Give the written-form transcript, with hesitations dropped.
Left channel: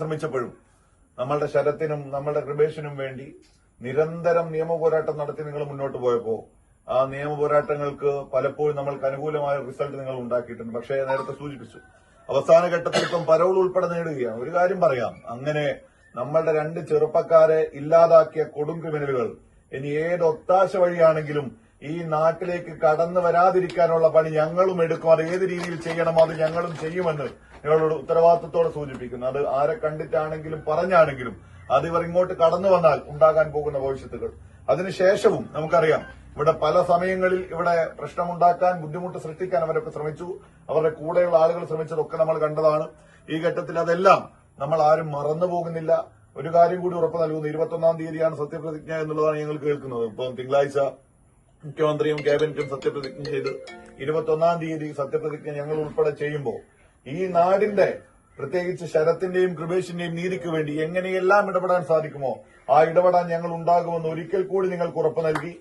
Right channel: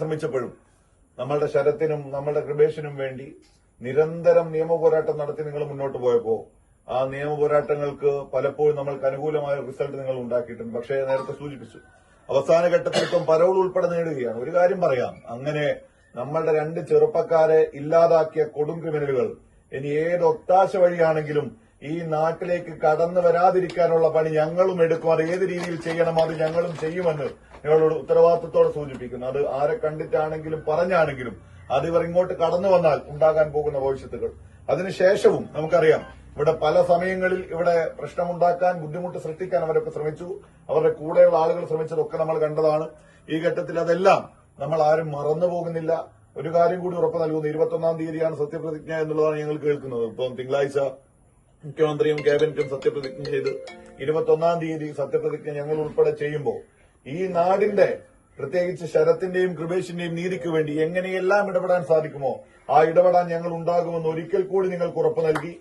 ശ്രമിച്ചപ്പോഴും നമ്മളുടെ ശരത്തിനും നമ്മളുടെ കൃപേഷിനും വേണ്ടി നിരന്തരം നിയമപോരാട്ടം നടത്തി നിങ്ങൾ മുന്നോട്ട് പോയപ്പോ ആ നിയമപോരാട്ടങ്ങൾക്ക് പലപ്പോഴും നമ്മൾക്ക് അനുകൂലമായ റിസൾട്ട് നിങ്ങൾ ഉണ്ടാക്കിയിട്ടുണ്ട്. പക്ഷേ നേരത്തെ സൂചിപ്പിച്ചു അവസാന ഘട്ടത്തിൽ ഇപ്പം പരോൾ ഉൾപ്പെടെ നേടുകയാണ്. ഒരു കാര്യം പറയാം, അങ്ങനെ നമ്മളുടെ 2 ചെറുപ്പക്കാരെ ഇല്ലാതാക്കിയ കൊടും ക്രിമിനലുകൾ ഇനി ഏത് ഒത്താശ വഴിയാണെങ്കിലും ഈ നാട്ടിലേക്ക് കടന്നു വരാതിരിക്കാനുള്ള പണി ഞങ്ങളും എടുക്കും. അത് ഏത് രീതിയിൽ ചെയ്യണമോ അത് ഞങ്ങളും ചെയ്യുമെന്ന് ഞങ്ങളോട് ഉത്തരവാദിത്വത്തോടെ സൂചിപ്പിക്കുന്നു. അത് ആരെ കണ്ടിട്ടാണെങ്കിലും പറഞ്ഞാണെങ്കിലും അത് ഇവർ ഇങ്ങോട്ട് കടന്നു വന്നാൽ ഉണ്ടാകാൻ പോകുന്ന ഭവിഷ്യത്തുകൾ. അതിനുശേഷവും നമുക്കറിയാം ഇവിടെ പല സമയങ്ങളിൽ ഇവിടെ പ്രശ്നമുണ്ടാക്കാൻ ബുദ്ധിമുട്ട് സൃഷ്ടിക്കാൻ അവരൊക്കെ ശ്രമിച്ചു. അവരുടെ കൂടെയുള്ള ആളുകൾ ശ്രമിച്ചതൊക്കെ നമ്മൾ കണ്ടതാണ്. ഈ ഘട്ടത്തിൽ അതെല്ലാം നമ്മൾ ആരും മറന്നു പോകുന്നില്ല. ഒരു കാര്യം കൂടി ഉറപ്പ് നൽകുന്നു, 21-ാം തീയതിയാണ് സത്യപ്രതിജ്ഞ എന്നുള്ളതാണ് ഞങ്ങൾ കേൾക്കുന്നത്. ഇപ്പം തിങ്കളാഴ്ച മുഖ്യമന്ത്രിയും ക്യാബിനറ്റും സത്യപ്രതിജ്ഞ ചെയ്ത് 21-ാം തീയതി സത്യപ്രതിജ്ഞ ഞങ്ങൾ ഉൾപ്പെടെ ചെയ്യുമ്പോൾ ഈ നാടിന്റെ പ്രത്യേകിച്ച് ശരത്തിന്റെയും കൃപേഷിന്റെയും നീതിക്ക് വേണ്ടി എങ്ങനെയെല്ലാം ഇടപെടാൻ സാധിക്കുമോ ആ ഇടപെടാൻ ഞങ്ങൾ ഉണ്ടാകുമെന്ന് ഒരിക്കൽ കൂടി നിങ്ങൾക്ക് ഉറപ്പ് നൽകി